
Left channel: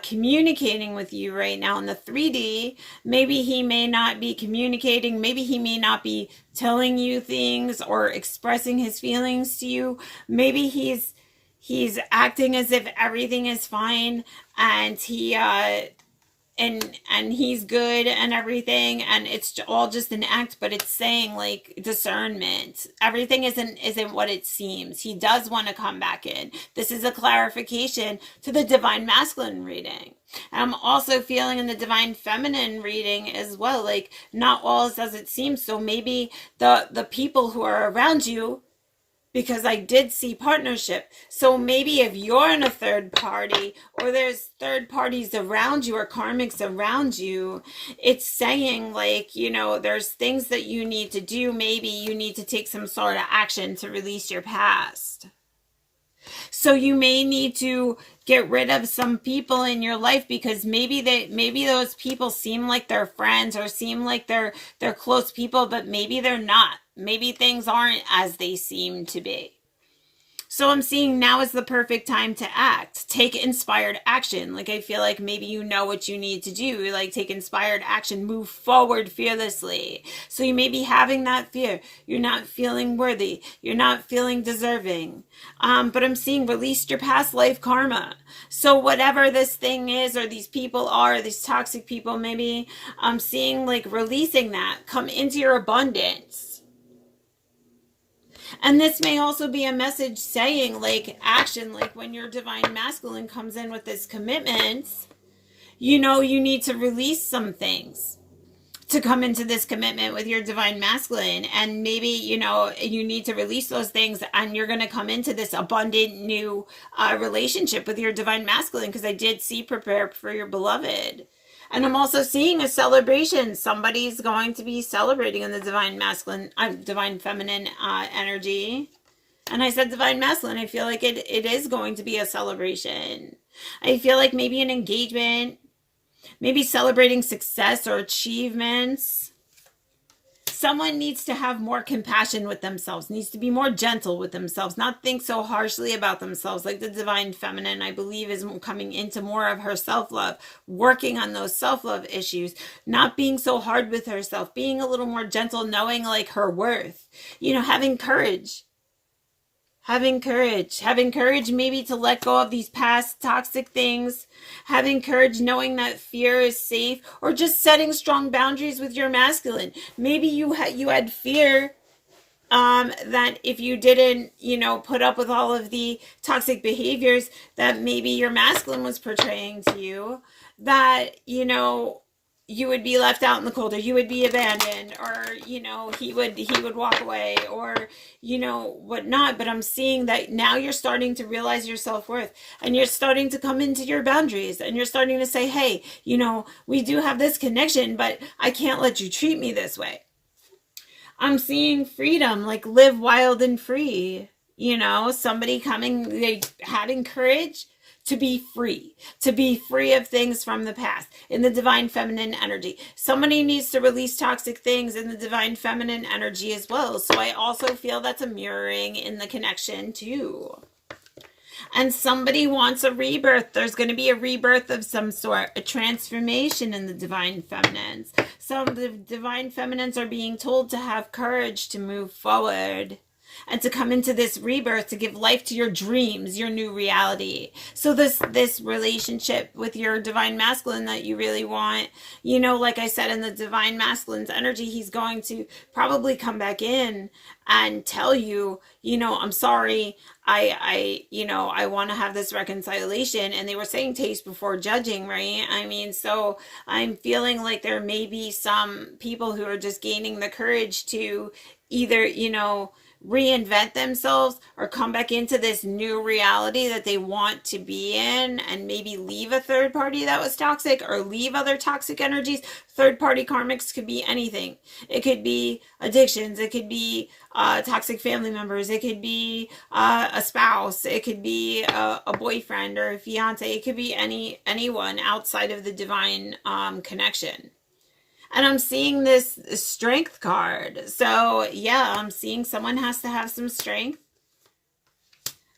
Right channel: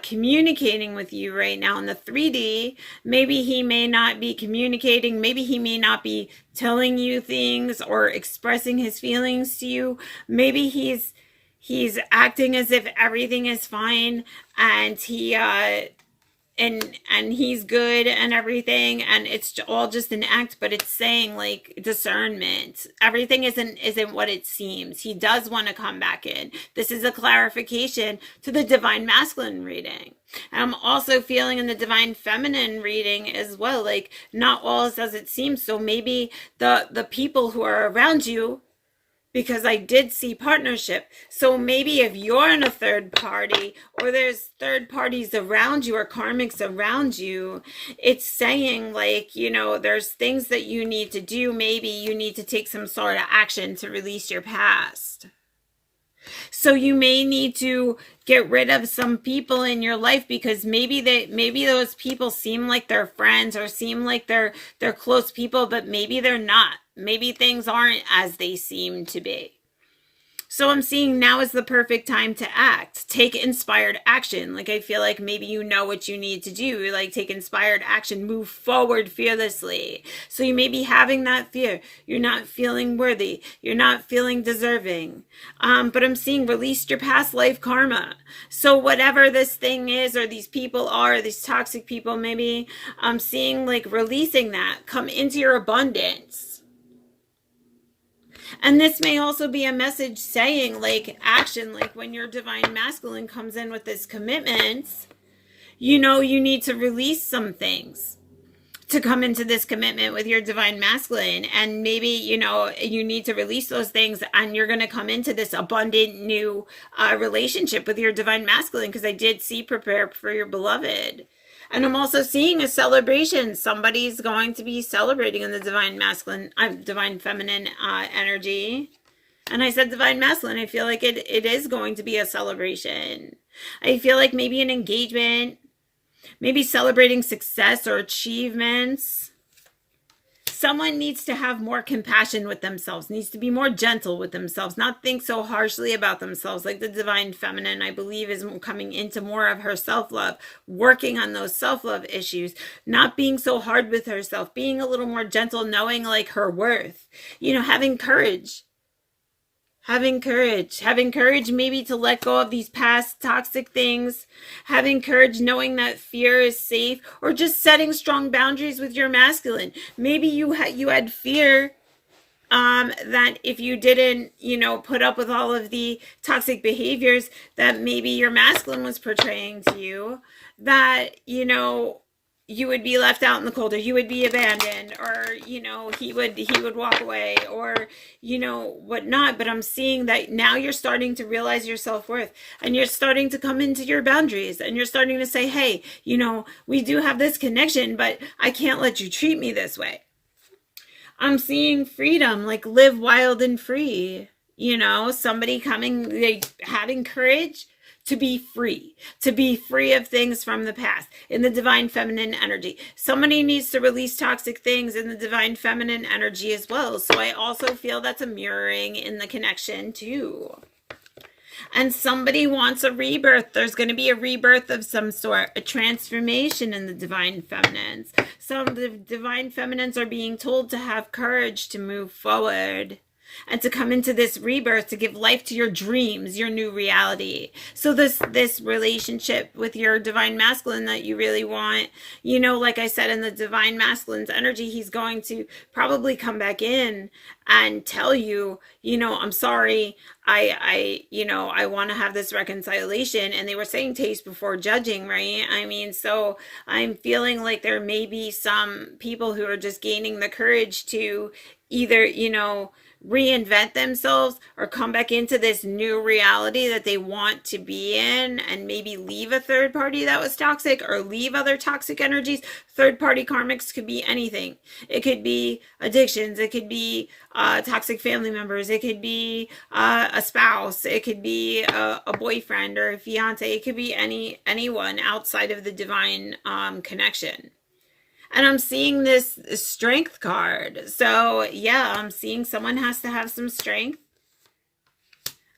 communicating with you right now in the 3D, maybe he may not be communicating, maybe he may not be telling you things or expressing his feelings to you. Maybe he's acting as if everything is fine and he and he's good and everything, and it's all just an act, but it's saying like discernment. Everything isn't what it seems. He does want to come back in. This is a clarification to the divine masculine reading. And I'm also feeling in the divine feminine reading as well, like not all is as it seems. So maybe the people who are around you because I did see partnership. So maybe if you're in a third party, or there's third parties around you or karmics around you, it's saying like, you know, there's things that you need to do. Maybe you need to take some sort of action to release your past. So you may need to get rid of some people in your life, because maybe those people seem like they're friends or seem like they're close people, but maybe they're not. Maybe things aren't as they seem to be. So I'm seeing now is the perfect time to act. Take inspired action. Like, I feel like maybe you know what you need to do. Like, take inspired action. Move forward fearlessly. So you may be having that fear. You're not feeling worthy. You're not feeling deserving. But I'm seeing release your past life karma. So whatever this thing is, or these people are, these toxic people, maybe I'm seeing like releasing that. Come into your abundance. And this may also be a message saying like action, like when your divine masculine comes in with this commitment, you know, you need to release some things to come into this commitment with your divine masculine. And maybe, you know, you need to release those things, and you're going to come into this abundant new relationship with your divine masculine, because I did see prepare for your beloved. And I'm also seeing a celebration. Somebody's going to be celebrating in the divine masculine, divine feminine energy. And I said divine masculine. I feel like it is going to be a celebration. I feel like maybe an engagement, maybe celebrating success or achievements. Someone needs to have more compassion with themselves, needs to be more gentle with themselves, not think so harshly about themselves. Like the divine feminine, I believe, is coming into more of her self-love, working on those self-love issues, not being so hard with herself, being a little more gentle, knowing like her worth, you know, having courage. Having courage maybe to let go of these past toxic things, having courage knowing that fear is safe, or just setting strong boundaries with your masculine. Maybe you had fear that if you didn't, you know, put up with all of the toxic behaviors that maybe your masculine was portraying to you, that, you know, you would be left out in the cold, or you would be abandoned, or, you know, he would walk away, or, you know, whatnot. But I'm seeing that now you're starting to realize your self-worth, and you're starting to come into your boundaries, and you're starting to say, hey, you know, we do have this connection, but I can't let you treat me this way. I'm seeing freedom, like live wild and free. You know, somebody coming, they having courage to be free of things from the past in the divine feminine energy. Somebody needs to release toxic things in the divine feminine energy as well. So I also feel that's a mirroring in the connection too. And somebody wants a rebirth. There's going to be a rebirth of some sort, a transformation in the divine feminines. Some of the divine feminines are being told to have courage to move forward and to come into this rebirth, to give life to your dreams, your new reality. So this relationship with your divine masculine that you really want, you know, like I said, in the divine masculine's energy, he's going to probably come back in and tell you, you know, I'm sorry, I you know, I want to have this reconciliation. And they were saying taste before judging, right? I mean, so I'm feeling like there may be some people who are just gaining the courage to either, you know, reinvent themselves or come back into this new reality that they want to be in, and maybe leave a third party that was toxic, or leave other toxic energies. Third party karmics could be anything. It could be addictions. It could be toxic family members. It could be a spouse. It could be a boyfriend or a fiance. It could be anyone outside of the divine connection. And I'm seeing this strength card. So yeah, I'm seeing someone has to have some strength.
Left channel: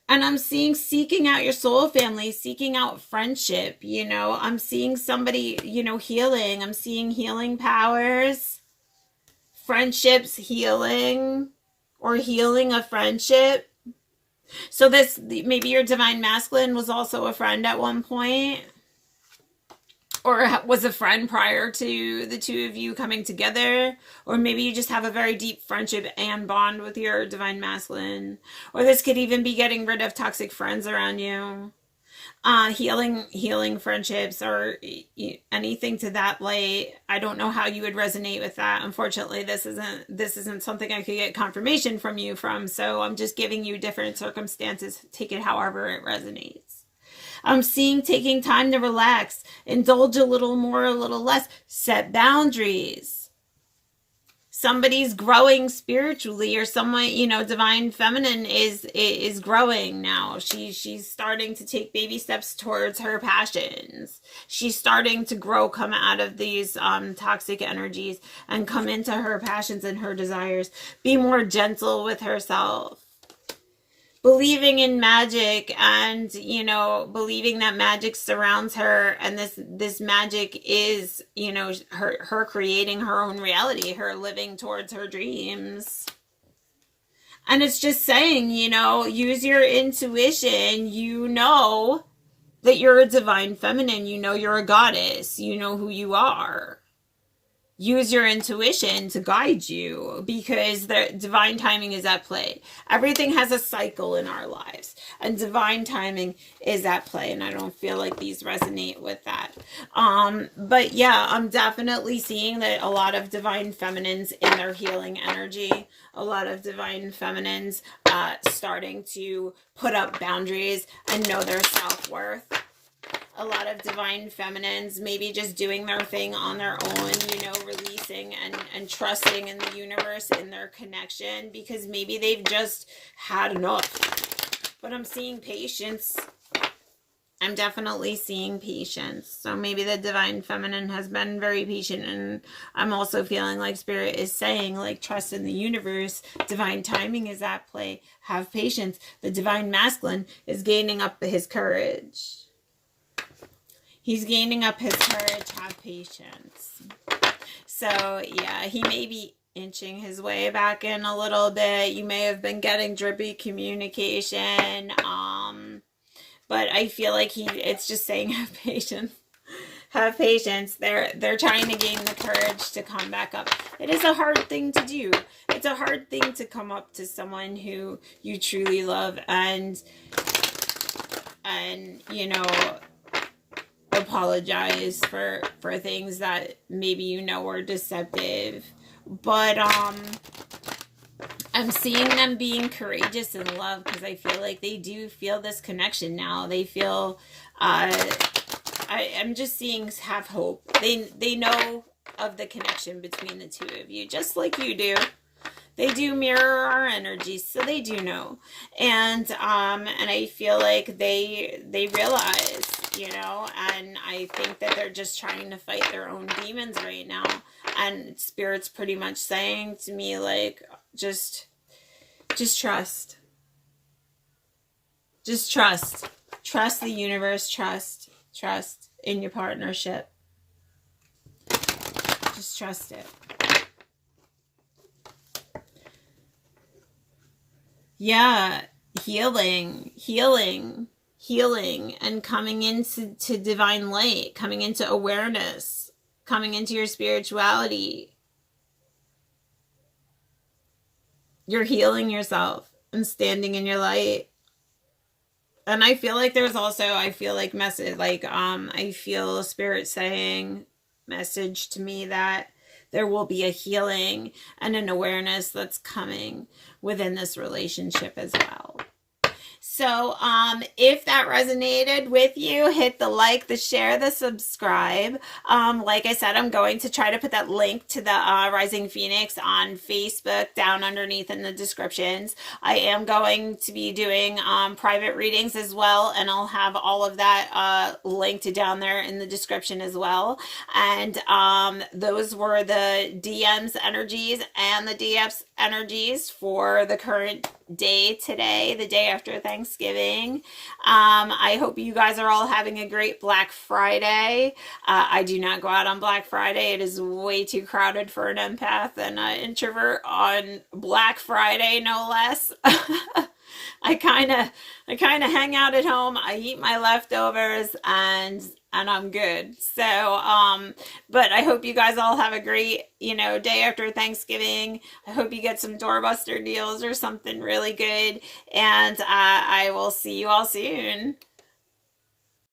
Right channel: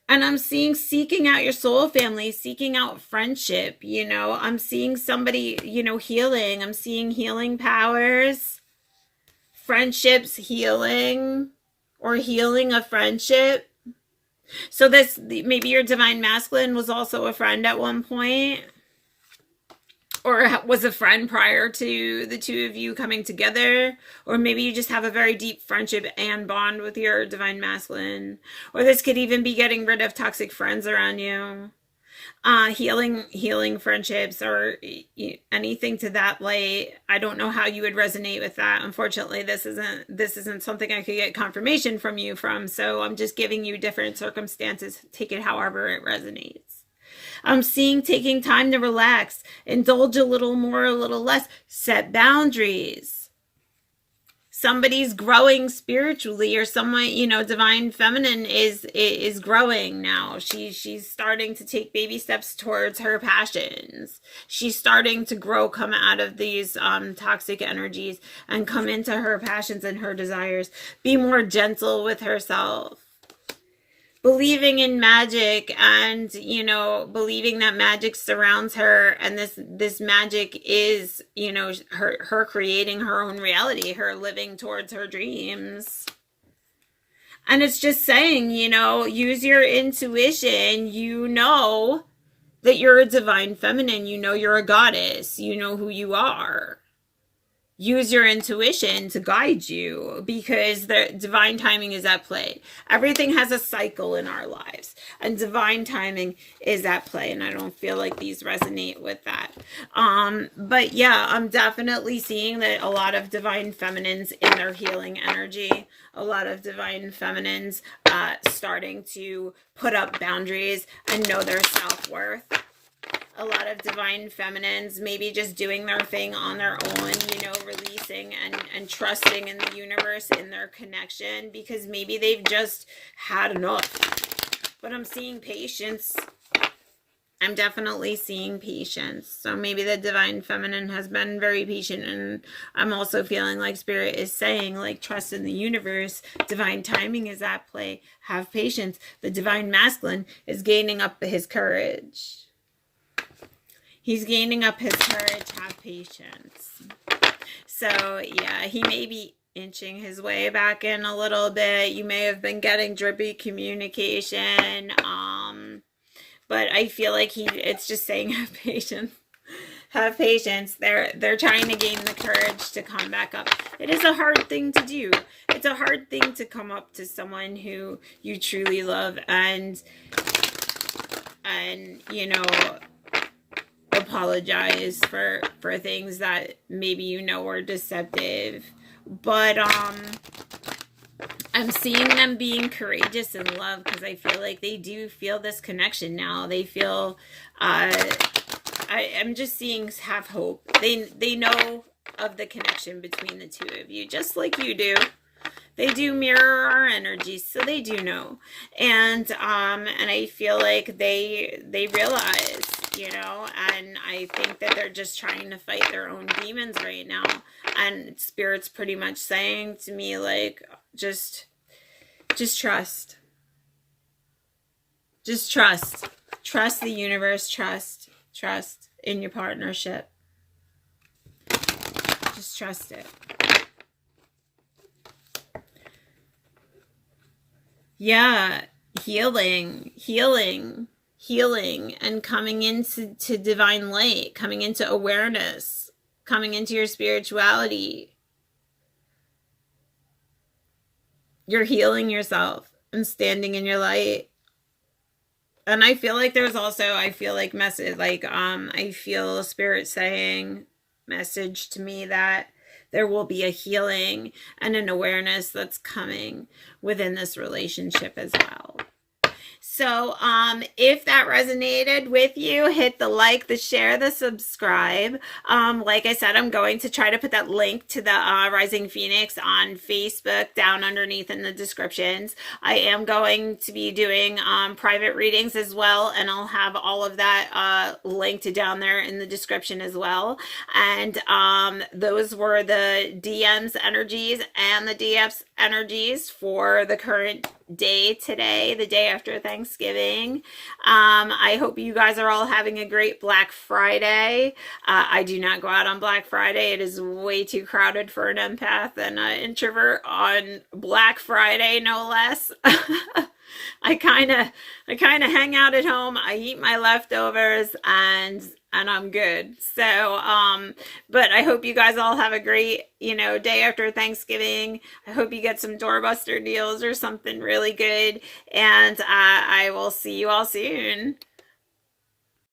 And I'm seeing seeking out your soul family, seeking out friendship. You know, I'm seeing somebody, you know, healing. I'm seeing healing powers, friendships healing, or healing a friendship. So this, maybe your divine masculine was also a friend at one point, or was a friend prior to the two of you coming together. Or maybe you just have a very deep friendship and bond with your divine masculine. Or this could even be getting rid of toxic friends around you. healing friendships or anything to that light. I don't know how you would resonate with that. Unfortunately, this isn't something I could get confirmation from you from, so I'm just giving you different circumstances. Take it however it resonates. I'm seeing taking time to relax, indulge a little more, a little less, set boundaries. Somebody's growing spiritually, or someone, divine feminine is growing now. She's starting to take baby steps towards her passions. She's starting to grow, come out of these toxic energies and come into her passions and her desires. Be more gentle with herself. Believing in magic and, believing that magic surrounds her, and this magic is, her creating her own reality, her living towards her dreams. And it's just saying, use your intuition. You know that you're a divine feminine. You know you're a goddess. You know who you are. Use your intuition to guide you, because the divine timing is at play. Everything has a cycle in our lives, and divine timing is at play. And I don't feel like these resonate with that. But yeah, I'm definitely seeing that a lot of divine feminines in their healing energy, a lot of divine feminines starting to put up boundaries and know their self-worth. A lot of divine feminines maybe just doing their thing on their own, releasing and trusting in the universe, in their connection, because maybe they've just had enough. But I'm seeing patience. I'm definitely seeing patience. So maybe the divine feminine has been very patient, and I'm also feeling like Spirit is saying, like, trust in the universe. Divine timing is at play. Have patience. The divine masculine is gaining up his courage. He's gaining up his courage. Have patience. So, yeah, he may be inching his way back in a little bit. You may have been getting drippy communication. But I feel like it's just saying have patience. Have patience. They're trying to gain the courage to come back up. It is a hard thing to do. It's a hard thing to come up to someone who you truly love and apologize for things that maybe were deceptive. But I'm seeing them being courageous in love, because I feel like they do feel this connection now. They feel I'm just seeing have hope. They know of the connection between the two of you, just like you do. They do mirror our energies, so they do know. And I feel like they realize, and I think that they're just trying to fight their own demons right now. And Spirit's pretty much saying to me, like, just trust. Just trust. Trust the universe. Trust in your partnership. Just trust it. Yeah, healing, and coming into divine light, coming into awareness, coming into your spirituality. You're healing yourself and standing in your light. And I feel like there's also, I feel Spirit saying message to me that there will be a healing and an awareness that's coming within this relationship as well. So if that resonated with you, hit the like, the share, the subscribe. Like I said, I'm going to try to put that link to the Rising Phoenix on Facebook down underneath in the descriptions. I am going to be doing private readings as well, and I'll have all of that linked down there in the description as well. And those were the DMs energies and the DFs energies for the current day today, the day after Thanksgiving. I hope you guys are all having a great Black Friday. I do not go out on Black Friday. It is way too crowded for an empath and an introvert on Black Friday, no less. I kind of hang out at home. I eat my leftovers and I'm good. So, but I hope you guys all have a great, day after Thanksgiving. I hope you get some doorbuster deals or something really good. And I will see you all soon.